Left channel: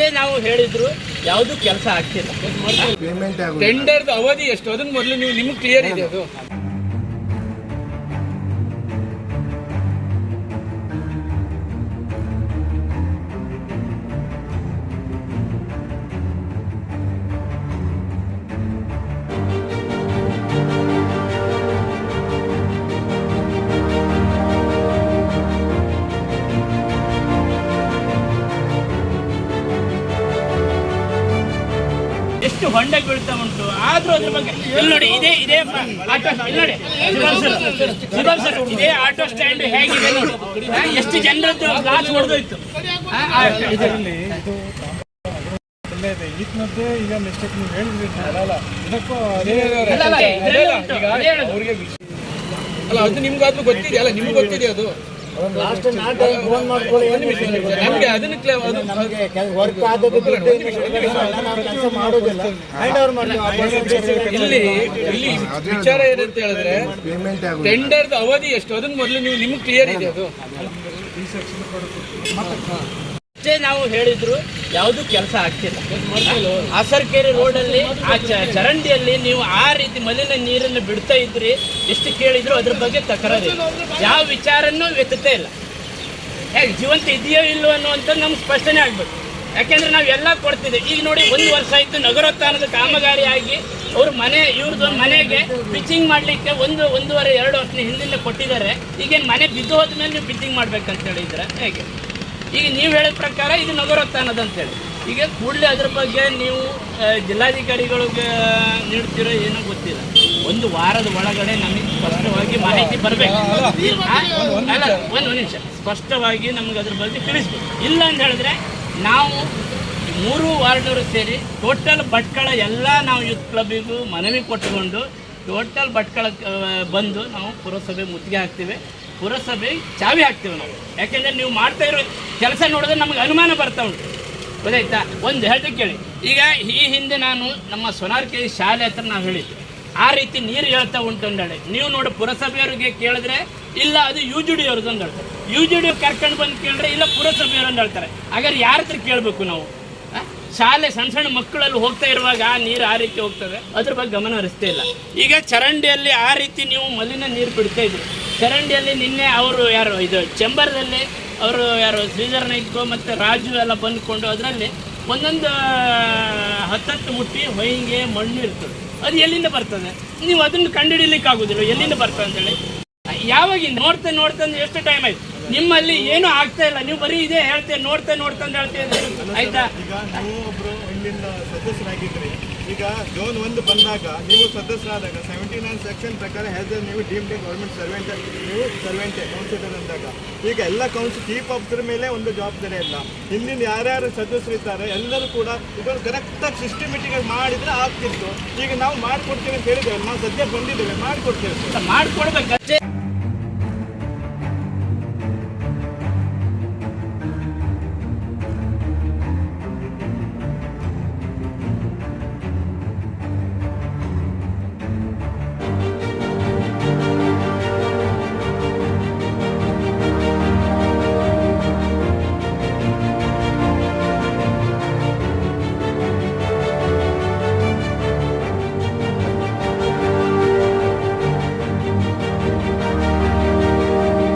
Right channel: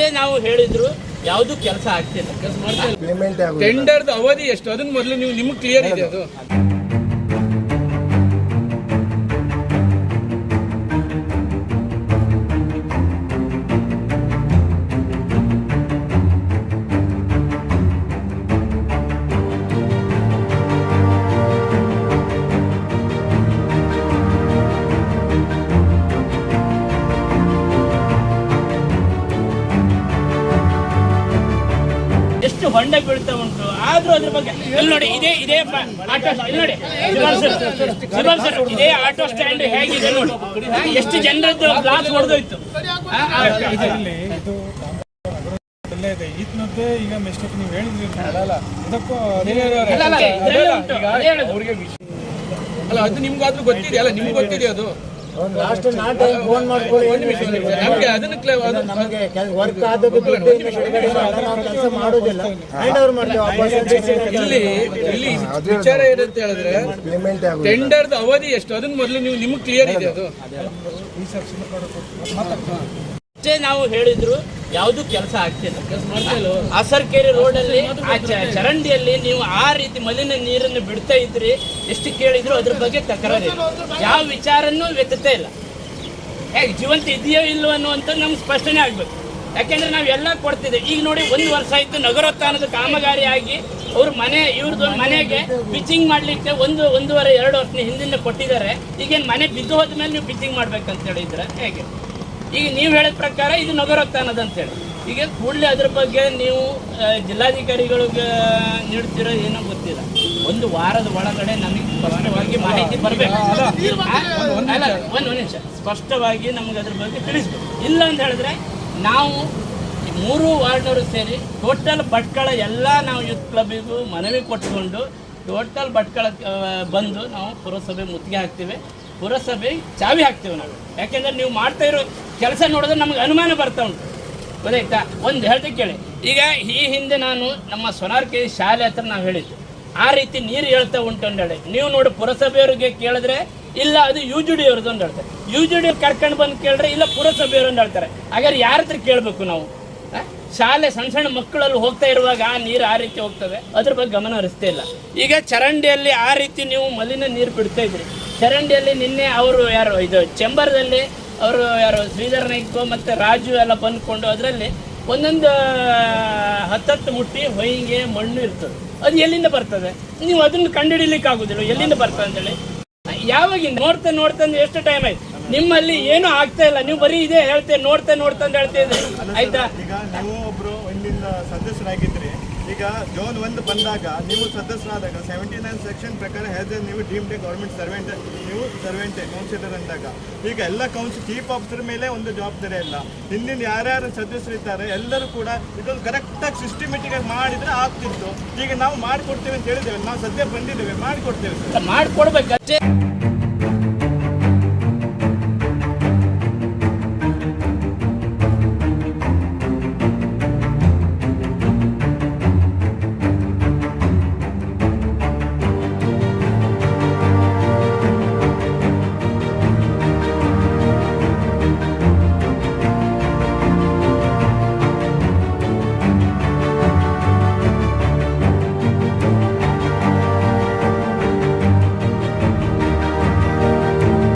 ಅಷ್ಟೇ ನಾವು ಹೇಳಿದ್ರು ಯಾವುದು ಕೆಲಸ ಆಗ್ತಿಲ್ಲ. ಟೆಂಡರ್ದು ಅವಧಿ ಎಷ್ಟು? ಅದನ್ನ ಮೊದಲು ನೀವು ನಿಮ್ಗೆ ಕ್ಲಿಯರ್ ಇದೆ ಅದು. ಎಷ್ಟು ಹೊಂಡ ಬೀಳ್ತಾ ಉಂಟು. ಆದ್ರೂ ಅದ್ರ ಬಗ್ಗೆ ಇಲ್ಲಿ ನೋಡಿ ಇದೇ ಇದೇ ಆಟೋ ಇಲ್ಲಿ ನೋಡಿ. ಇದೇ ಆಟೋ ಸ್ಟ್ಯಾಂಡ್ ಹೇಗಿದೆ ನೋಡಿ. ಎಷ್ಟು ಜನರದ್ದು ಗ್ಲಾಸ್ ಹೊಡೆದೋಯ್ತು ಆ, ಆ, ಇದು- ಒಳ್ಳೆ ಇದೆ ಈತನದ್ದು ಈಗ ಮಿಸ್ಟೇಕ್ ನೀವು ಹೇಳಿದ್ರಿ ಅಲ್ಲ ಇದಕ್ಕೂ ಅದೇ ಹೇಳುದು. ಅಲ್ಲ ಅದು ನಿಮ್ಗಾದ್ರೂ ಗೊತ್ತಿದೆಯಲ್ಲ ನಿಮ್ಗೆ ಗೊತ್ತಿದೆ ಅದು? ಲಾಸ್ಟ್ ನಾಲ್ಕು ಟೈಮ್ ಫೋನ್ ಮಾಡ್ಕೊಳ್ಳಿ ನಮ್ಗೆ ಅದನ್ನ ಕ್ಲೇ- ಅದು- ನಮಗೆ ವರ್ಕ್ ಆದದ್ದು ದುಡ್ಡು ಇನ್ನು ಬಿಡುಗಡೆ ಮಾಡಲ್ಲ, ನಾವು ಕೆಲಸ ಮಾಡೋದಿಲ್ಲ. ಹ್ಯಾಂಡ್ ಓವರ್ ಮಾಡ್ತೀವಿ ಇಲ್ಲಿ ಇಲ್ಲಿ ವಿಚಾರ ಏನಂತ ಹೇಳಿದ್ರೆ ಟೆಂಡರ್ದ ಅವಧಿ ಎಷ್ಟು? ಅದನ್ನ ಮೊದಲು ನೀವು ನಿಮ್ಗೆ ಕ್ಲಿಯರ್ ಇದೆ ಅದು. ನಾವು ಹೇಳಿದ್ರು, ಯಾವುದು ಕೆಲಸ ಆಗ್ತಿಲ್ಲ. ಅಸರ್ಕೆರೆ ರೋಡಲ್ಲಿ, ಆ ಚರಂಡಿಯಲ್ಲಿ ನೀವು ಆ ರೀತಿ ಮಲಿನ ನೀರನ್ನು ಬಿಡ್ತಾ ಇದ್ರಿ, ಎಷ್ಟು ಕೇಳಿದ್ರು ಅದ್ರ ಬಗ್ಗೆ ತಕರಾರು ಯಾವ ವಿಚಾರನೂ ವ್ಯತತೆ ಇಲ್ಲ. ಯಾಕೆ ಜೀವಂತ ಇದೆಯೋ ಇಲ್ಲೋ ಅನ್ನುವಂಥದ್ದು ನಮ್ಗೆ ಸ್ಪಷ್ಟನೆ ಆಗ್ಬೇಕು. ಯಾಕೆಂದ್ರೆ ನಾವೆಲ್ಲ ಕೊಡ್ತಿದ್ದೆ ಈಗ ನೋಡಿ, ಒಂದು ವರ್ಷ ಆಯ್ತು ನಗರೋತ್ಥಾನದ ಕಾಮಗಾರಿ ಆಗಿ ಅವ್ರ ಮನೆ ಇವ್ರದ್ದು ಮನೆಗೆ ಪಿಚಿಂಗ್ ಮಾಡ್ಲಿಕ್ಕೆ ಒಂದು, ಒಂದೂವರೆ, ಎರಡು ವರ್ಷ ಹಿಂದಿನ ಕೊಟ್ಟಿದ್ದಾರೆ. ಈಗೇನು ಮನೆ ಬಿದ್ದು ಹೋದ್ಮೇಲೆ ನೀವು ಪಿಚಿಂಗ್ ಮಾಡ್ಬೇಕಂತ ಹೇಳಿದ್ರೆ ಹೇಗೆ? ಈಗ ನೀವು ಹೇಳಿದ ಪ್ರಕಾರ ಇದು ನಗರೋತ್ಥಾನದ ಅಂತೇಳಿ ಈಗ ಕೂಡಲೇ ಅದ್ರ ಬಗ್ಗೆ ನೀವು ಜಿಲ್ಲಾಧಿಕಾರಿಗಳಿಗೆ ನೀಡ್ತಿರೋ ಏನೋ ಗೊತ್ತಿಲ್ಲ. ಒಂದು ವಾರದ ಒಳಗಡೆ ನಮಗೆ ಸ್ಪಷ್ಟವಾಗಿ ಮಾಹಿತಿ ಬರಬೇಕು. ಒಂದು ನಿಮಿಷ. ಸ್ಪಷ್ಟವಾಗಿ ನಮ್ಗೆ ಅದ್ರ ಬಗ್ಗೆ ತಿಳಿಸ್ಬೇಕು. ಇಲ್ಲ ಅಂತ ಹೇಳಿದ್ರೆ ನಾವು ಮೂರು ವಾರ್ಡರು ಸೇರಿ ಟೋಟಲ್ ಭಟ್ಕಳ ಎಲ್ಲ ನಾವು ಯೂತ್ ಕ್ಲಬ್ಬಿಗೂ ಮನವಿ ಕೊಟ್ಟುಕೊಂಡು ಟೋಟಲ್ ಭಟ್ಕಳ ಬಂದು ನಾವು ಪುರಸಭೆ ಮುತ್ತಿಗೆ ಹಾಕ್ತೀವಿ. ಪುರಸಭೆ ಚಾವಿ ಹಾಕ್ತೇವೆ ನಾವು. ಯಾಕೆಂದ್ರೆ ನೀವು ಮಾಡ್ತಾ ಇರೋ ಕೆಲಸ ನೋಡಿದ್ರೆ ನಮಗೆ ಅನುಮಾನ ಬರ್ತಾ ಉಂಟು. ಗೊತ್ತಾಯ್ತಾ? ಒಂದು ಹೇಳ್ತೀನಿ ಕೇಳಿ. ಈಗ ಈ ಹಿಂದೆ ನಾನು ನಮ್ಮ ಸೊನಾರ್ಕೆ ಶಾಲೆ ಹತ್ರ ನಾವು ಹೇಳಿದ್ದೆ. ಆ ರೀತಿ ನೀರು ಹೇಳ್ತಾ ಉಂಟು ಹೇಳಿ ನೀವು ನೋಡಿ ಪುರಸಭೆಯವ್ರಿಗೆ ಕೇಳಿದ್ರೆ, ಇಲ್ಲ, ಅದು ಯು ಜಿ ಡಿ ಅವ್ರದ್ದು ಅಂತ ಹೇಳ್ತಾರೆ. ಯು ಜಿ ಡಿ ಕರ್ಕೊಂಡು ಬಂದು ಕೇಳಿದ್ರೆ, ಇಲ್ಲ, ಪುರಸಭೆಯವರು ಅಂತ ಹೇಳ್ತಾರೆ. ಹಾಗಾದ್ರೆ ಯಾರ ಹತ್ರ ಕೇಳಬೇಕು ನಾವು? ಶಾಲೆ ಸಣ್ಣ ಸಣ್ಣ ಮಕ್ಕಳಲ್ಲಿ ಹೋಗ್ತಾ ಇರುವಾಗ ಆ ನೀರು ಆ ರೀತಿ ಹೋಗ್ತದೆ? ಅದ್ರ ಬಗ್ಗೆ ಗಮನ ಹರಿಸ್ತಾ ಇಲ್ಲ. ಈಗ ಚರಂಡಿಯಲ್ಲಿ ಆ ರೀತಿ ನೀವು ಮಲಿನ ನೀರು ಬಿಡ್ತಾ ಇದ್ರಿ ಚರಂಡಿಯಲ್ಲಿ ನಿನ್ನೆ ಅವರು ಯಾರು ಇದು ಚೆಂಬರ್ದಲ್ಲಿ ಅವರು ಯಾರು ಶ್ರೀಧರ್ ನಾಯ್ಕೋ ಮತ್ತು ರಾಜು ಎಲ್ಲ ಬಂದ್ಕೊಂಡು ಅದರಲ್ಲಿ ಒಂದೊಂದು ಹತ್ತತ್ತು ಮುಟ್ಟಿ ಹೊಯ್ಗೆ ಮಣ್ಣು ಇರ್ತದೆ. ಅದು ಎಲ್ಲಿಂದ ಬರ್ತದೆ? ನೀವು ಅದನ್ನು ಕಂಡುಹಿಡಿಲಿಕ್ಕೆ ಆಗೋದಿಲ್ಲ ಎಲ್ಲಿಂದ ಬರ್ತದೆ ಅಂತೇಳಿ. ಯಾವಾಗ ನೋಡ್ತಾ ನೋಡ್ತಾ ಅಂದ್ರೆ ಎಷ್ಟು ಟೈಮ್ ಆಯ್ತು? ನಿಮ್ಮಲ್ಲಿ ಏನೂ ಆಗ್ತಾ ಇಲ್ಲ ನೀವು ಬರೀ ಇದೇ ಹೇಳ್ತೇವೆ ನೋಡ್ತಾ ನೋಡ್ತಾ ಅಂತ ಹೇಳ್ತಾ ಇದ್ದೀರಿ. ಆಯ್ತಾ? ಈಗ ಜೋನ್ ಒಂದು ಬಂದಾಗ ನೀವು ಸದಸ್ಯರಾದಾಗ ಸೆವೆಂಟಿ ನೈನ್ ಸೆಕ್ಷನ್ ಪ್ರಕಾರ ಹೆಸರು ನೀವು ಡೀಮ್ಡ್ ಗೌರ್ಮೆಂಟ್ ಸರ್ವೆಂಟ್ ನೀವು ಸರ್ವೆಂಟೆ ಕೌನ್ಸಿಲರ್ ಅಂದಾಗ. ಈಗ ಎಲ್ಲ ಕೌನ್ಸಿಲ್ ಚೀಫ್ ಆಫೀಸರ್ ಮೇಲೆ ಒಂದು ಜವಾಬ್ದಾರಿ ಇಲ್ಲ ಹಿಂದಿನ ಯಾರ್ಯಾರು ಸದಸ್ಯರು ಇದ್ದಾರೆ, ಎಲ್ಲರೂ ಕೂಡ ಇದನ್ನು ಕರೆಕ್ಟಾಗಿ ಸಿಸ್ಟಮೆಟಿಕ್ ಆಗಿ ಮಾಡಿದ್ರೆ ಆಗ್ತಿತ್ತು. ಈಗ ನಾವು ಮಾಡಿಕೊಡ್ತೇವೆ ಅಂತ ಹೇಳಿದ್ದೇವೆ. ನಾವು ಸದ್ಯ ಬಂದಿದ್ದೇವೆ, ಮಾಡಿಕೊಡ್ತೇವೆ. ಮಾಡಿಕೊಡ್ಬೇಕು.